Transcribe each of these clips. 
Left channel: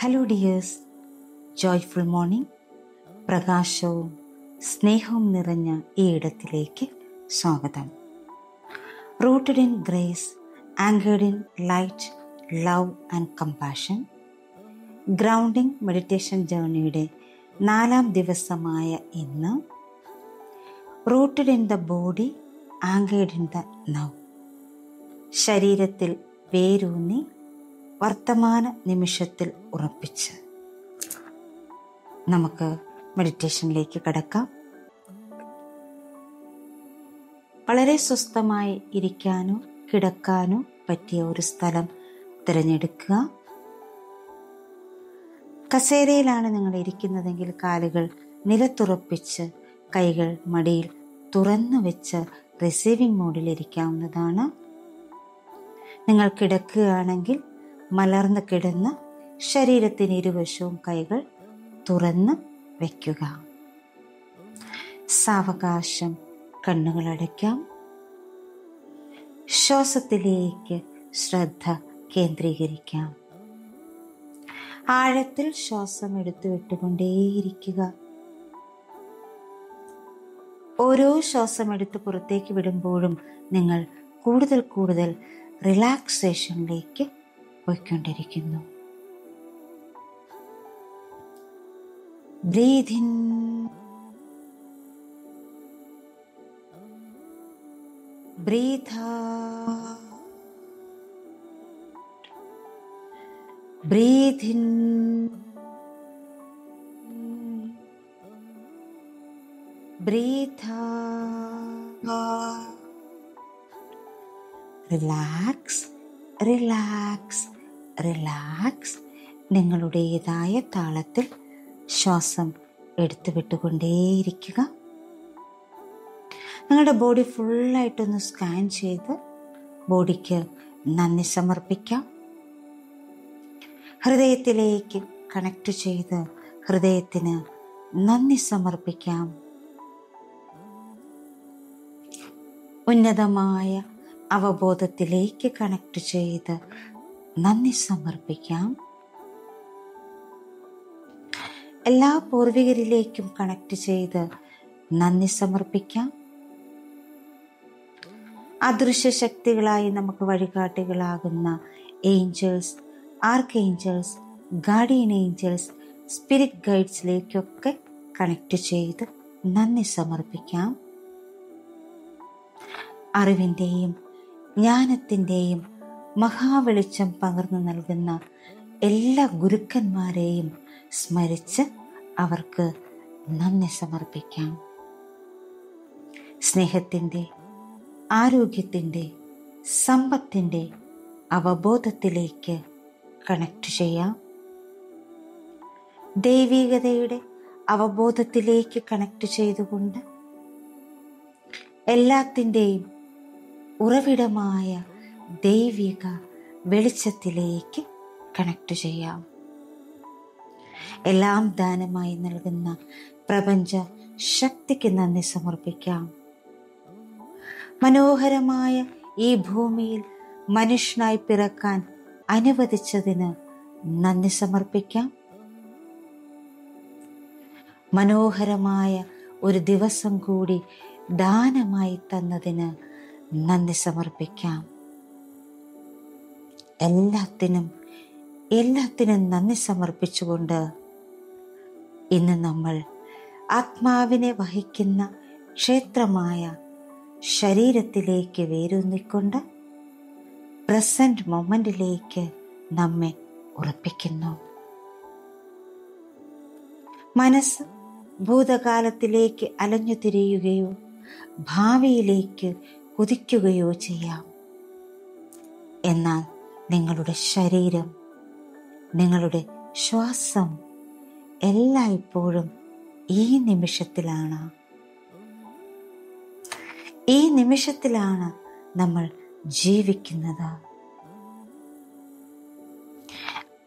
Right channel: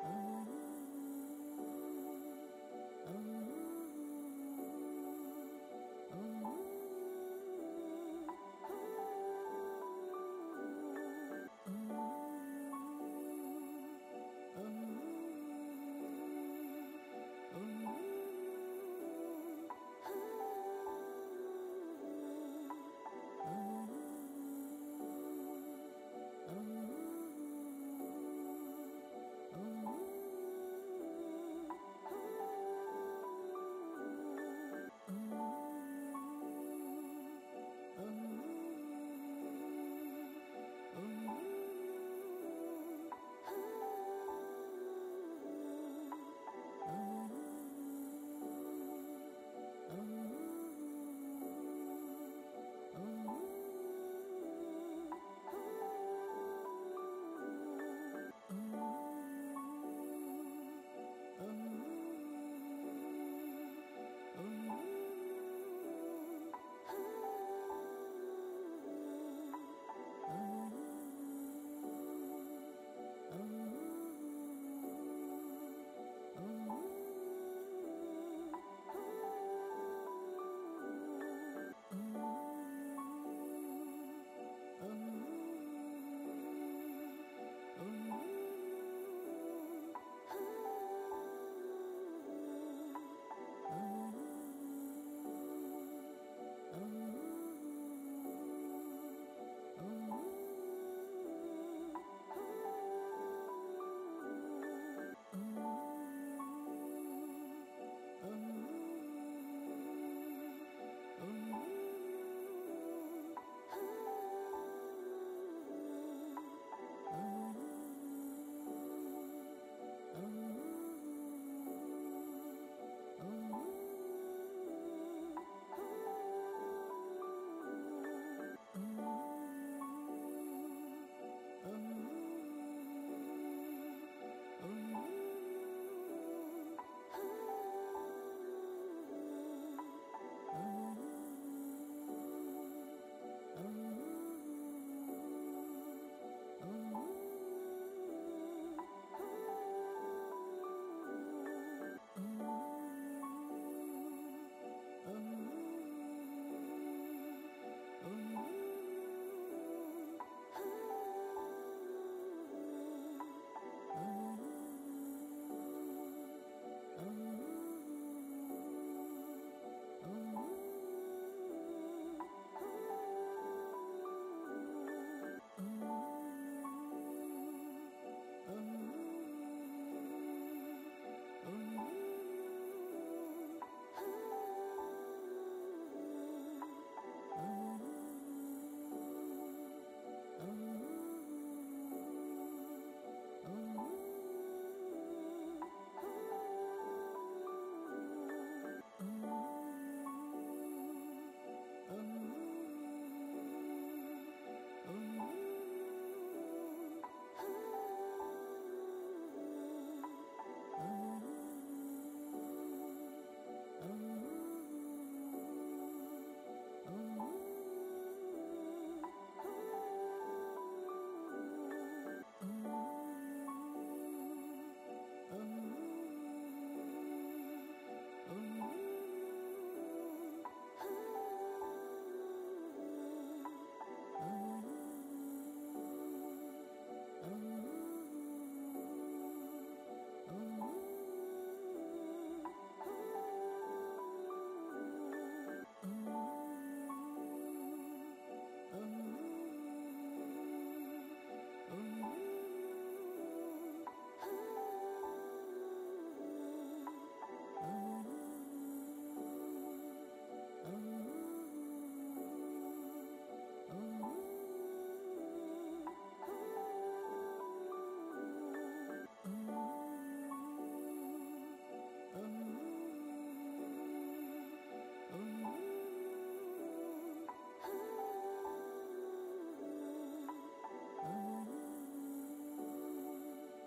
Hello dears, joyful morning. പ്രകാശവും സ്നേഹവും നിറഞ്ഞ ഈ ഇടത്തിലേക്ക് സ്വാഗതം. Rooted in grace, anchored in light, love and compassion. Grounding meditation ജേർണിയുടെ 4ാം ദിവസമായ ഇന്ന് rooted in the body, anchored in the now. ശരീരത്തിൽ വേരൂന്നി വർത്തമാന നിമിഷത്തിൽ ഉറപ്പിച്ച് നമുക്ക് മെഡിറ്റേഷനിലേക്ക് കടക്കാം. വളരെ സ്വസ്ഥമായി ഇരിക്കാനോ കിടക്കാനോ പറ്റിയ ഒരു സ്ഥലം തിരഞ്ഞെടുക്കുക. കസേരയിലാണ് നിങ്ങൾ ഇരിക്കുന്നതെങ്കിൽ കാലുകൾ നിലത്തുറപ്പിച്ച് കൈകൾ മടിയിൽ തുറന്നു വെച്ച് റിസീവിംഗ് മോഡിൽ ഇരിക്കാവുന്നതാണ്. നിങ്ങൾ കിടക്കുകയാണെങ്കിൽ മലർന്ന് കിടന്ന് ശരീരത്തിന് ഇരുവശവും കൈകൾ തുറന്ന് വയ്ക്കുക. സാവകാശം കണ്ണുകൾ അടയ്ക്കാം. ശ്വാസത്തിലേക്ക് ശ്രദ്ധ കേന്ദ്രീകരിക്കാം. ആഴത്തിൽ ശ്വാസം എടുത്തു വിട്ടുകൊണ്ടേയിരിക്കുക. ഓരോ ശ്വാസം എടുത്ത് പുറത്തേക്ക് വിടുമ്പോഴും നിങ്ങൾ കൂടുതൽ കൂടുതൽ റിലാക്സേഷനിലേക്ക് പോയിക്കൊണ്ടിരിക്കുന്നു. Breathe in, breathe out, breathe in, breathe out. Relax, relax, relax. നിങ്ങളുടേതായ താളത്തിൽ ശ്വാസം എടുത്തു വിട്ടുകൊണ്ടേയിരിക്കുക. നിങ്ങളുടെ ബോഡി ഫുള്ളായിട്ടൊന്ന് സ്കാൻ ചെയ്ത് ബോഡിക്ക് നന്ദി സമർപ്പിക്കാം. ഹൃദയത്തിലേക്ക് കണക്ട് ചെയ്ത് ഹൃദയത്തിന് നന്ദി സമർപ്പിക്കാം. ഉന്നതമായ അവബോധത്തിലേക്ക് കണക്ട് ചെയ്ത് നന്ദി സമർപ്പിക്കാം. എല്ലാ പൂർവികരിലേക്കും കണക്ട് ചെയ്ത് നന്ദി സമർപ്പിക്കാം. അദൃശ്യ ശക്തികളായി നമുക്ക് വഴികാട്ടികളാകുന്ന angels, archangels, guardian angels, spirit ഗൈഡ്സിലേക്കൊക്കെ കണക്ട് ചെയ്ത് നന്ദി സമർപ്പിക്കാം. അറിവിൻ്റെയും ജ്ഞാനത്തിൻ്റെയും മഹാവെളിച്ചം പകർന്നു നൽകുന്ന എല്ലാ ഗുരുക്കന്മാരെയും സ്മരിച്ച് അവർക്ക് നന്ദി സമർപ്പിക്കാം. സ്നേഹത്തിൻ്റെ, ആരോഗ്യത്തിൻ്റെ, സമ്പത്തിൻ്റെ അവബോധത്തിലേക്ക് കണക്ട് ചെയ്യാം. ദൈവികതയുടെ അവബോധത്തിലേക്ക് കണക്ട് ചെയ്തുകൊണ്ട് എല്ലാത്തിൻ്റെയും ഉറവിടമായ ദൈവിക വെളിച്ചത്തിലേക്ക് കണക്ട് ചെയ്യാം. എല്ലാം ദാനമായി നൽകുന്ന പ്രപഞ്ച ശക്തിക്ക് നന്ദി സമർപ്പിക്കാം. മനോഹരമായ ഈ ഭൂമിയിൽ മനുഷ്യനായി പിറക്കാൻ അനുവദിച്ചതിന് നന്ദി സമർപ്പിക്കാം. മനോഹരമായ ഒരു ദിവസം കൂടി ദാനമായി തന്നതിന് നന്ദി സമർപ്പിക്കാം. എല്ലാത്തിനും നന്ദി സമർപ്പിച്ചുകൊണ്ട് ഇന്ന് നമ്മൾ ആത്മാവിനെ വഹിക്കുന്ന ക്ഷേത്രമായ ശരീരത്തിലേക്ക് വേരൂന്നിക്കൊണ്ട് പ്രസന്റ് മൊമെന്റിലേക്ക് നമ്മെ ഉറപ്പിക്കുന്നു. മനസ്സ് ഭൂതകാലത്തിലേക്ക് അലഞ്ഞു തിരിയുകയോ ഭാവിയിലേക്ക് കുതിക്കുകയോ ചെയ്യാം. എന്നാൽ നിങ്ങളുടെ ശരീരം, നിങ്ങളുടെ ശ്വാസം എല്ലായ്പ്പോഴും ഈ നിമിഷത്തിലാണ്. ഈ നിമിഷത്തിലാണ് നമ്മൾ ജീവിക്കുന്നത്.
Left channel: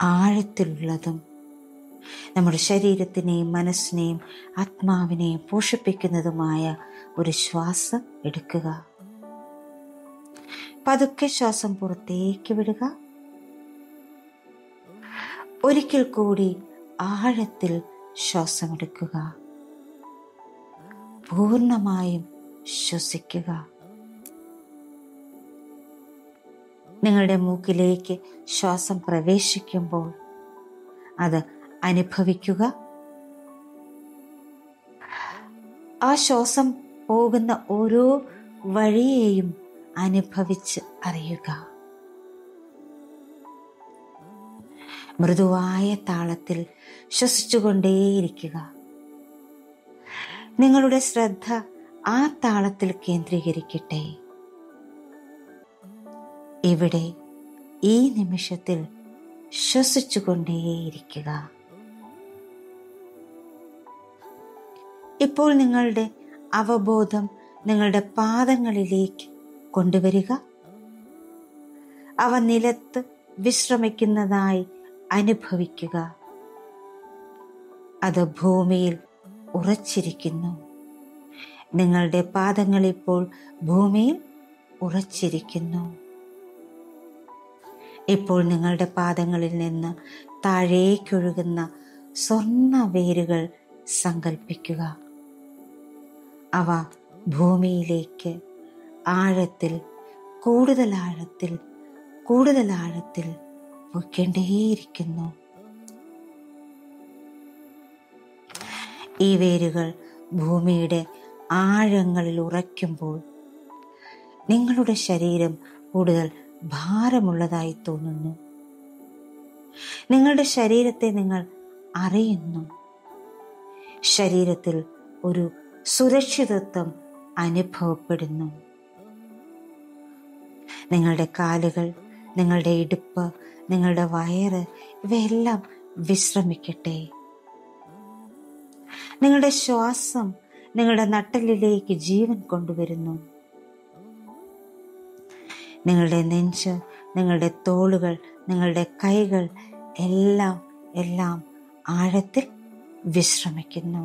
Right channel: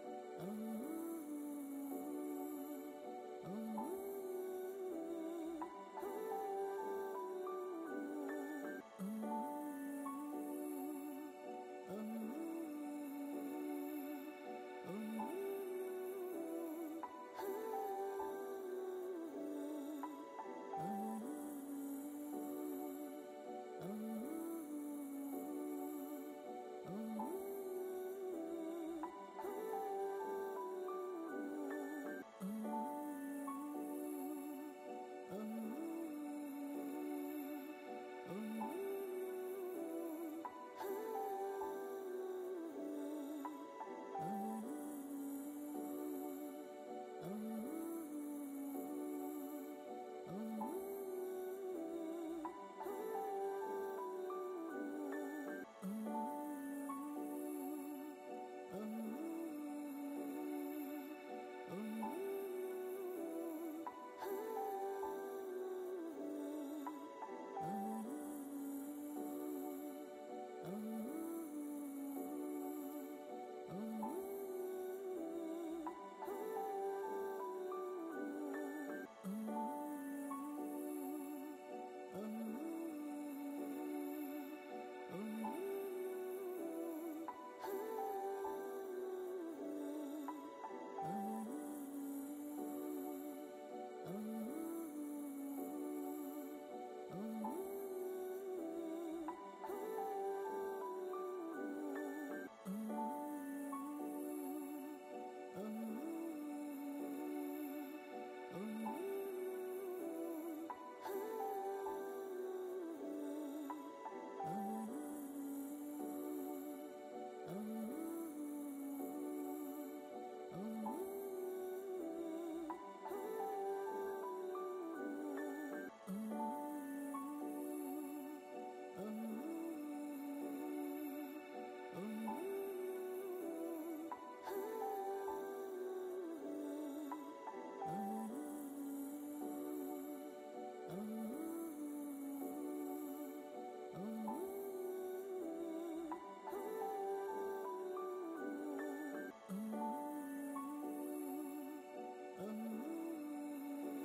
ആഴത്തിലുള്ളതും നമ്മുടെ ശരീരത്തിനെയും മനസ്സിനെയും ആത്മാവിനെയും പോഷിപ്പിക്കുന്നതുമായ ഒരു ശ്വാസം എടുക്കുക. പതുക്കെ ശ്വാസം പുറത്തേക്ക് വിടുക. ഒരിക്കൽ കൂടി ആഴത്തിൽ ശ്വാസമെടുക്കുക. പൂർണ്ണമായും ശ്വസിക്കുക. നിങ്ങളുടെ മൂക്കിലേക്ക് ശ്വാസം പ്രവേശിക്കുമ്പോൾ അത് അനുഭവിക്കുക. ആ ശ്വാസം പോകുന്ന ഓരോ വഴിയെയും അനുഭവിച്ച് അറിയുക. മൃദുവായ താളത്തിൽ ശ്വസിച്ചുകൊണ്ടേയിരിക്കുക. നിങ്ങളുടെ ശ്രദ്ധ ആ താളത്തിൽ കേന്ദ്രീകരിക്കട്ടെ. ഇവിടെ ഈ നിമിഷത്തിൽ ശ്വസിച്ചുകൊണ്ടേയിരിക്കുക. ഇപ്പോൾ നിങ്ങളുടെ അവബോധം നിങ്ങളുടെ പാദങ്ങളിലേക്ക് കൊണ്ടുവരിക. അവ നിലത്ത് വിശ്രമിക്കുന്നതായി അനുഭവിക്കുക. അത് ഭൂമിയിൽ ഉറച്ചിരിക്കുന്നു. നിങ്ങളുടെ പാദങ്ങൾ ഇപ്പോൾ ഭൂമിയിൽ ഉറച്ചിരിക്കുന്നു. ഇപ്പോൾ നിങ്ങളുടെ പാദങ്ങളിൽ നിന്ന് താഴേക്കൊഴുകുന്ന സ്വർണ്ണ വേരുകൾ സങ്കൽപ്പിക്കുക. അവ ഭൂമിയിലേക്ക് ആഴത്തിൽ, കൂടുതൽ ആഴത്തിൽ, കൂടുതൽ ആഴത്തിൽ പൊയ്ക്കൊണ്ടേയിരിക്കുന്നു. ഈ വേരുകൾ ഭൂമിയുടെ ആഴങ്ങളിൽ ഉറയ്ക്കുമ്പോൾ നിങ്ങളുടെ ശരീരം കൂടുതൽ ഭാരമുള്ളതായി തോന്നുന്നു. നിങ്ങളുടെ ശരീരത്തെ നിങ്ങൾ അറിയുന്നു. ശരീരത്തിൽ ഒരു സുരക്ഷിതത്വം അനുഭവപ്പെടുന്നു. നിങ്ങളുടെ കാലുകൾ, നിങ്ങളുടെ ഇടുപ്പ്, നിങ്ങളുടെ വയറ് ഇവയെല്ലാം വിശ്രമിക്കട്ടെ. നിങ്ങളുടെ ശ്വാസം നിങ്ങളുടെ നട്ടെല്ലിലേക്ക് ജീവൻ കൊണ്ടുവരുന്നു. നിങ്ങളുടെ നെഞ്ച്, നിങ്ങളുടെ തോളുകൾ, നിങ്ങളുടെ കൈകൾ എല്ലാം ആഴത്തിൽ വിശ്രമിക്കുന്നു.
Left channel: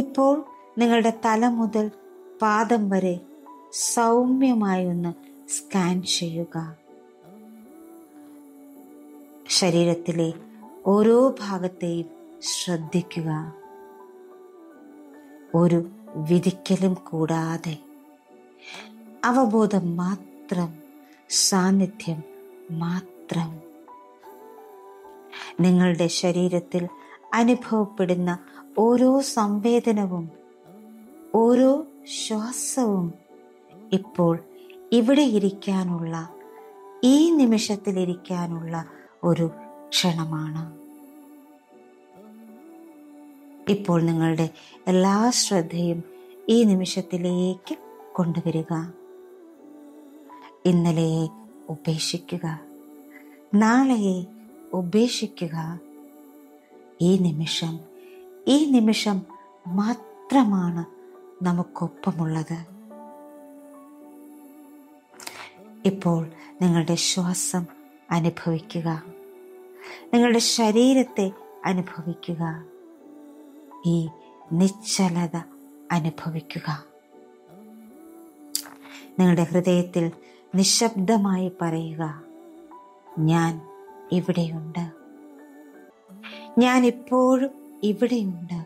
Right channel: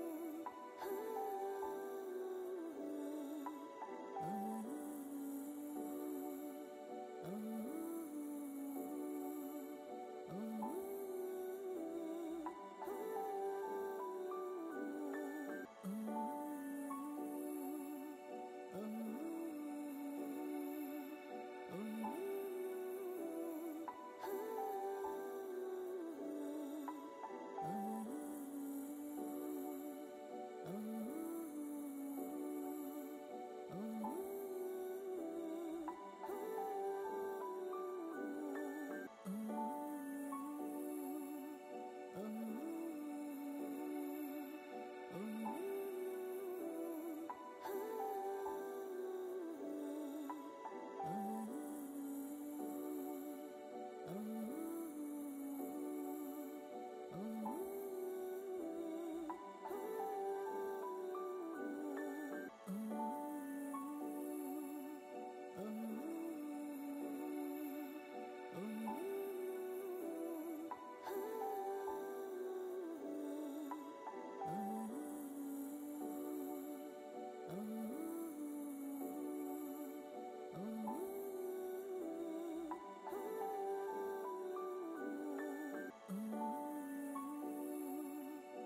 ഇപ്പോൾ നിങ്ങളുടെ തല മുതൽ പാദം വരെ സൗമ്യമായി ഒന്ന് സ്കാൻ ചെയ്യുക. ശരീരത്തിലെ ഓരോ ഭാഗത്തെയും ശ്രദ്ധിക്കുക. ഒരു വിധിക്കലും കൂടാതെ അവബോധം മാത്രം, സാന്നിധ്യം മാത്രം. നിങ്ങളുടെ ശരീരത്തിൽ അനുഭവപ്പെടുന്ന ഓരോ സംവേദനവും, ഓരോ ശ്വാസവും ഇപ്പോൾ ഇവിടെ ഇരിക്കാനുള്ള, ഈ നിമിഷത്തിലിരിക്കാനുള്ള ഒരു ക്ഷണമാണ്. ഇപ്പോൾ നിങ്ങളുടെ എല്ലാ ശ്രദ്ധയും ഈ നിമിഷത്തിലേക്ക് കൊണ്ടുവരിക. ഇന്നലെയെ ഉപേക്ഷിക്കുക, നാളെയെ ഉപേക്ഷിക്കുക. ഈ നിമിഷം മാത്രമാണ് നമുക്കൊപ്പമുള്ളത്. ഇപ്പോൾ നിങ്ങളുടെ ശ്വാസം അനുഭവിക്കുക. നിങ്ങളുടെ ശരീരത്തെ അനുഭവിക്കുക. ഈ നിശ്ചലത അനുഭവിക്കുക. നിങ്ങളുടെ ഹൃദയത്തിൽ നിശബ്ദമായി പറയുക, ഞാൻ ഇവിടെയുണ്ട്. ഞാൻ ഇപ്പോഴും ഇവിടെയുണ്ട്.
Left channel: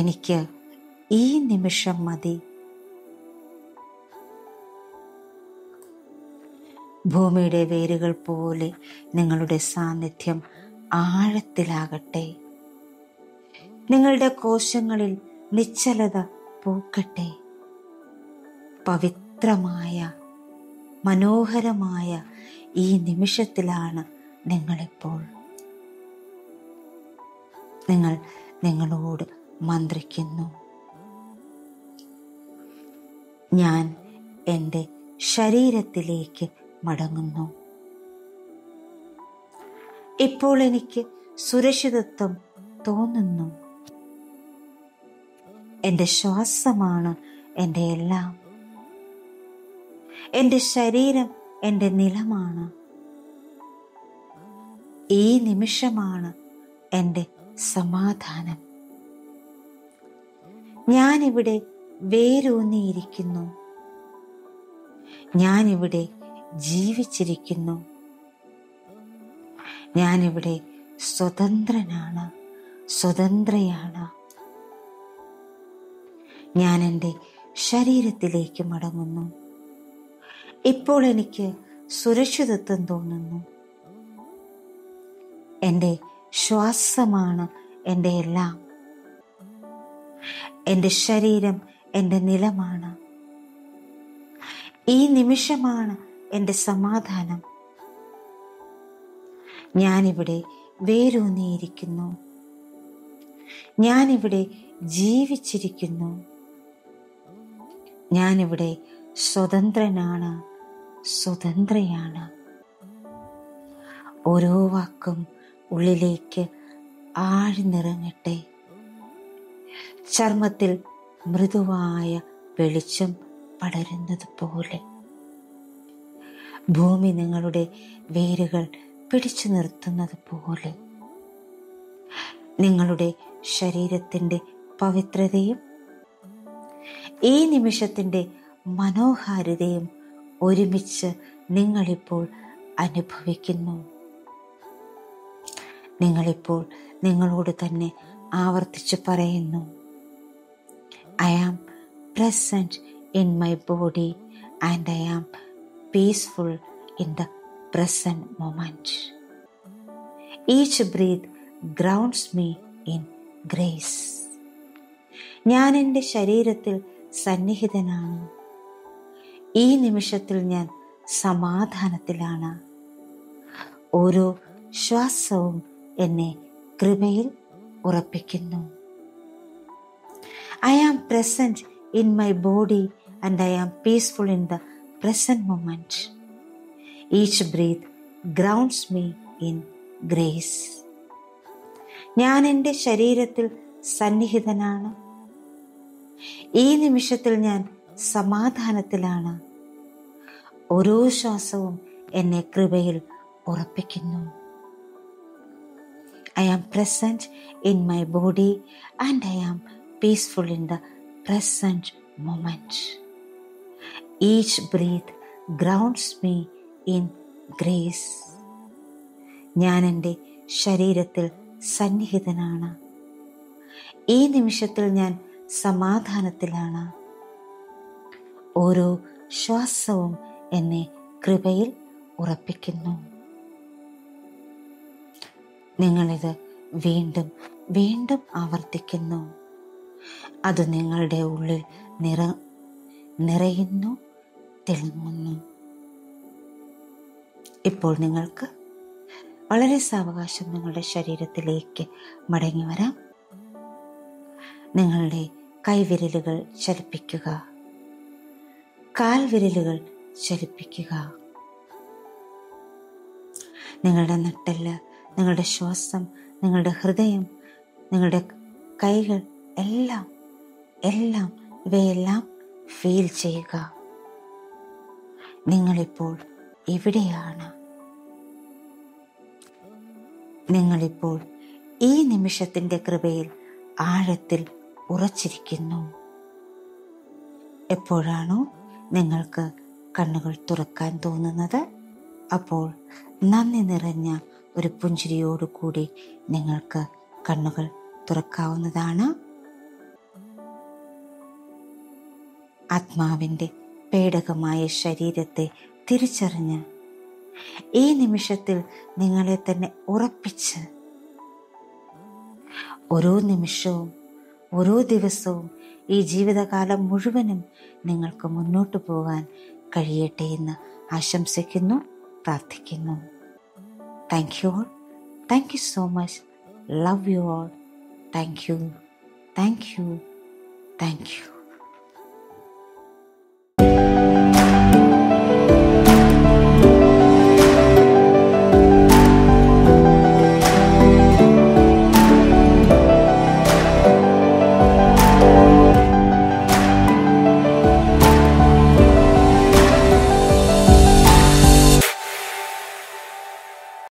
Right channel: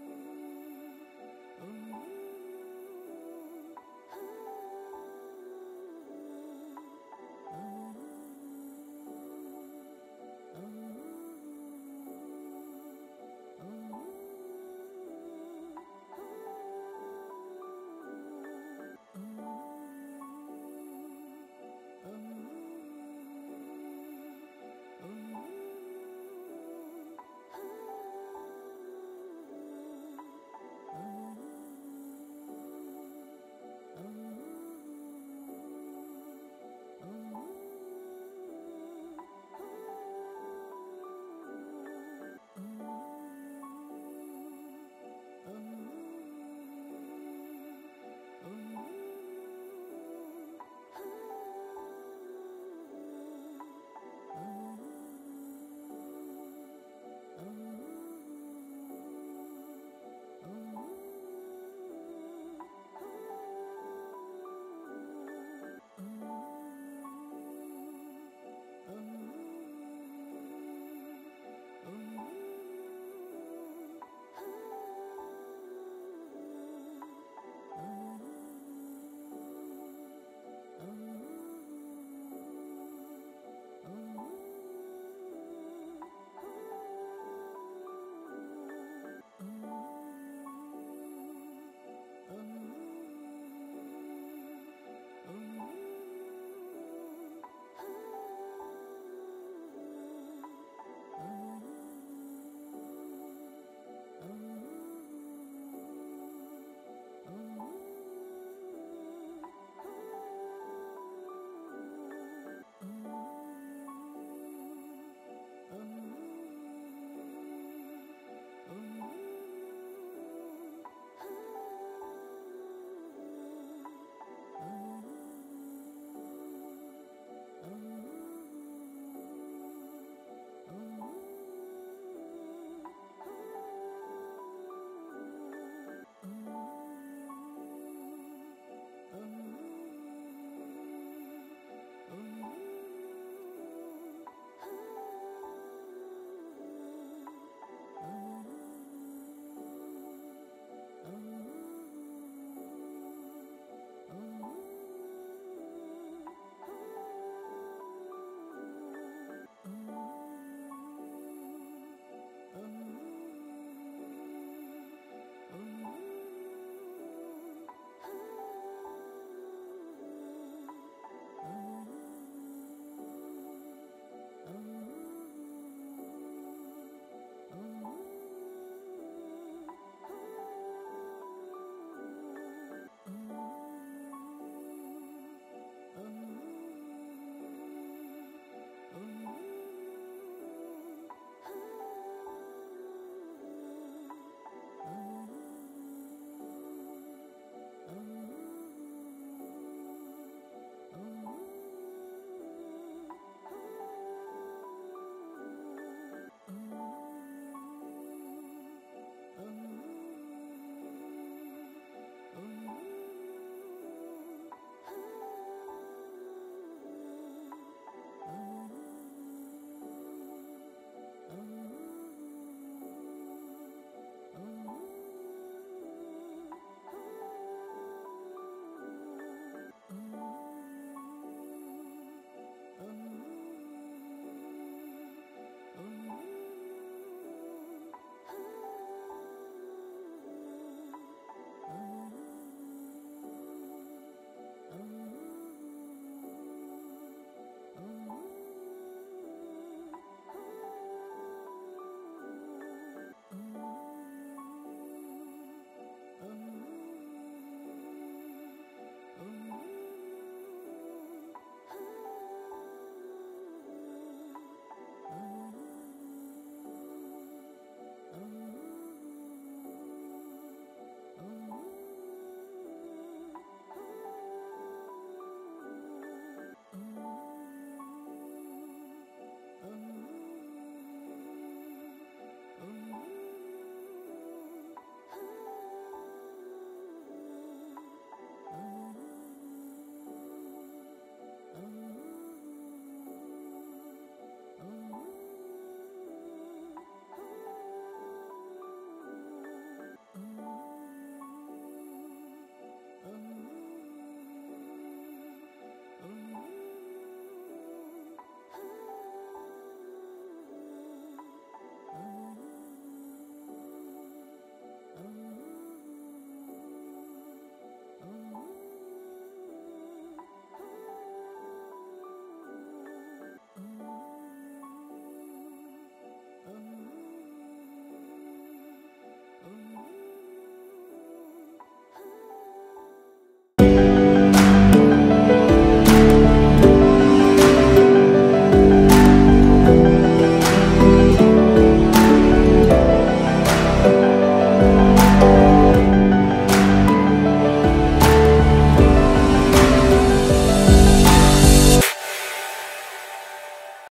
എനിക്ക് ഈ നിമിഷം മതി. ഭൂമിയുടെ വേരുകൾ പോലെ നിങ്ങളുടെ സാന്നിധ്യം ആഴത്തിലാകട്ടെ. നിങ്ങളുടെ കോശങ്ങളിൽ നിശ്ചലത പൂക്കട്ടെ. പവിത്രമായ, മനോഹരമായ ഈ നിമിഷത്തിലാണ് നിങ്ങളിപ്പോൾ. നിങ്ങൾ നിങ്ങളോട് മന്ത്രിക്കുന്നു, ഞാൻ എൻ്റെ ശരീരത്തിലേക്ക് മടങ്ങുന്നു. ഇപ്പോൾ എനിക്ക് സുരക്ഷിതത്വം തോന്നുന്നു. എൻ്റെ ശ്വാസമാണ് എൻ്റെ എല്ലാം. എൻ്റെ ശരീരം എൻ്റെ നിലമാണ്. ഈ നിമിഷമാണ് എൻ്റെ സമാധാനം. ഞാനിവിടെ വേരൂന്നിയിരിക്കുന്നു. ഞാനിവിടെ ജീവിച്ചിരിക്കുന്നു. ഞാനിവിടെ സ്വതന്ത്രനാണ്, സ്വതന്ത്രയാണ്. ഞാൻ എൻ്റെ ശരീരത്തിലേക്ക് മടങ്ങുന്നു. ഇപ്പോൾ എനിക്ക് സുരക്ഷിതത്വം തോന്നുന്നു. എൻ്റെ ശ്വാസമാണ് എൻ്റെ എല്ലാം. എൻ്റെ ശരീരം എൻ്റെ നിലമാണ്. ഈ നിമിഷമാണ് എൻ്റെ സമാധാനം. ഞാനിവിടെ വേരൂന്നിയിരിക്കുന്നു. ഞാനിവിടെ ജീവിച്ചിരിക്കുന്നു. ഞാനിവിടെ സ്വതന്ത്രനാണ്, സ്വതന്ത്രയാണ്. ഓരോ വാക്കും ഉള്ളിലേക്ക് ആഴ്ന്നിറങ്ങട്ടെ. ചർമ്മത്തിൽ മൃദുവായ വെളിച്ചം പടരുന്നത് പോലെ ഭൂമി നിങ്ങളുടെ വേരുകൾ പിടിച്ചു നിർത്തുന്നത് പോലെ നിങ്ങളുടെ ശരീരത്തിൻ്റെ പവിത്രതയും ഈ നിമിഷത്തിൻ്റെ മനോഹാരിതയും ഒരുമിച്ച് നിങ്ങളിപ്പോൾ അനുഭവിക്കുന്നു. നിങ്ങളിപ്പോൾ നിങ്ങളോട് തന്നെ ആവർത്തിച്ച് പറയുന്നു, I am present in my body and I am peaceful in the present moment. Each breath grounds me in grace. ഞാൻ എൻ്റെ ശരീരത്തിൽ സന്നിഹിതനാണ്. ഈ നിമിഷത്തിൽ ഞാൻ സമാധാനത്തിലാണ്. ഓരോ ശ്വാസവും എന്നെ കൃപയിൽ ഉറപ്പിക്കുന്നു. I am present in my body and I am peaceful in the present moment. Each breath grounds me in grace. ഞാൻ എൻ്റെ ശരീരത്തിൽ സന്നിഹിതനാണ്. ഈ നിമിഷത്തിൽ ഞാൻ സമാധാനത്തിലാണ്. ഓരോ ശ്വാസവും എന്നെ കൃപയിൽ ഉറപ്പിക്കുന്നു. I am present in my body and I am peaceful in the present moment. Each breath grounds me in grace. ഞാൻ എൻ്റെ ശരീരത്തിൽ സന്നിഹിതനാണ്. ഈ നിമിഷത്തിൽ ഞാൻ സമാധാനത്തിലാണ്. ഓരോ ശ്വാസവും എന്നെ കൃപയിൽ ഉറപ്പിക്കുന്നു. നിങ്ങളിത് വീണ്ടും വീണ്ടും ആവർത്തിക്കുന്നു. അത് നിങ്ങളുടെ ഉള്ളിൽ നിറയുന്നു, തിളങ്ങുന്നു. ഇപ്പോൾ നിങ്ങൾക്ക് വളരെ സാവകാശം നിങ്ങളുടെ ശരീരത്തിലേക്ക് മടങ്ങി വരാം. നിങ്ങളുടെ കൈവിരലുകൾ ചലിപ്പിക്കുക, കാൽവിരലുകൾ ചലിപ്പിക്കുക. നിങ്ങളുടെ നട്ടെല്ല്, നിങ്ങളുടെ ശ്വാസം, നിങ്ങളുടെ ഹൃദയം, നിങ്ങളുടെ കൈകൾ എല്ലാം ഇവയെല്ലാം ഫീൽ ചെയ്യുക. നിങ്ങളിപ്പോൾ ഇവിടെയാണ്. നിങ്ങളിപ്പോൾ ഈ നിമിഷത്തിൻ്റെ കൃപയിൽ ആഴത്തിൽ ഉറച്ചിരിക്കുന്നു. എപ്പോഴാണോ നിങ്ങൾക്ക് കണ്ണുകൾ തുറക്കാൻ തോന്നുന്നത്, അപ്പോൾ നന്ദി നിറഞ്ഞ ഒരു പുഞ്ചിരിയോടുകൂടി നിങ്ങൾക്ക് കണ്ണുകൾ തുറക്കാവുന്നതാണ്. ആത്മാവിൻ്റെ പേടകമായ ശരീരത്തെ തിരിച്ചറിഞ്ഞ് ഈ നിമിഷത്തിൽ നിങ്ങളെ തന്നെ ഉറപ്പിച്ച് ഓരോ നിമിഷവും ഓരോ ദിവസവും ഈ ജീവിതകാലം മുഴുവനും നിങ്ങൾക്ക് മുന്നോട്ട് പോകാൻ കഴിയട്ടെ എന്ന് ആശംസിക്കുന്നു, പ്രാർത്ഥിക്കുന്നു. Thank you all. Thank you so much. Love you all. Thank you. Thank you. Thank you.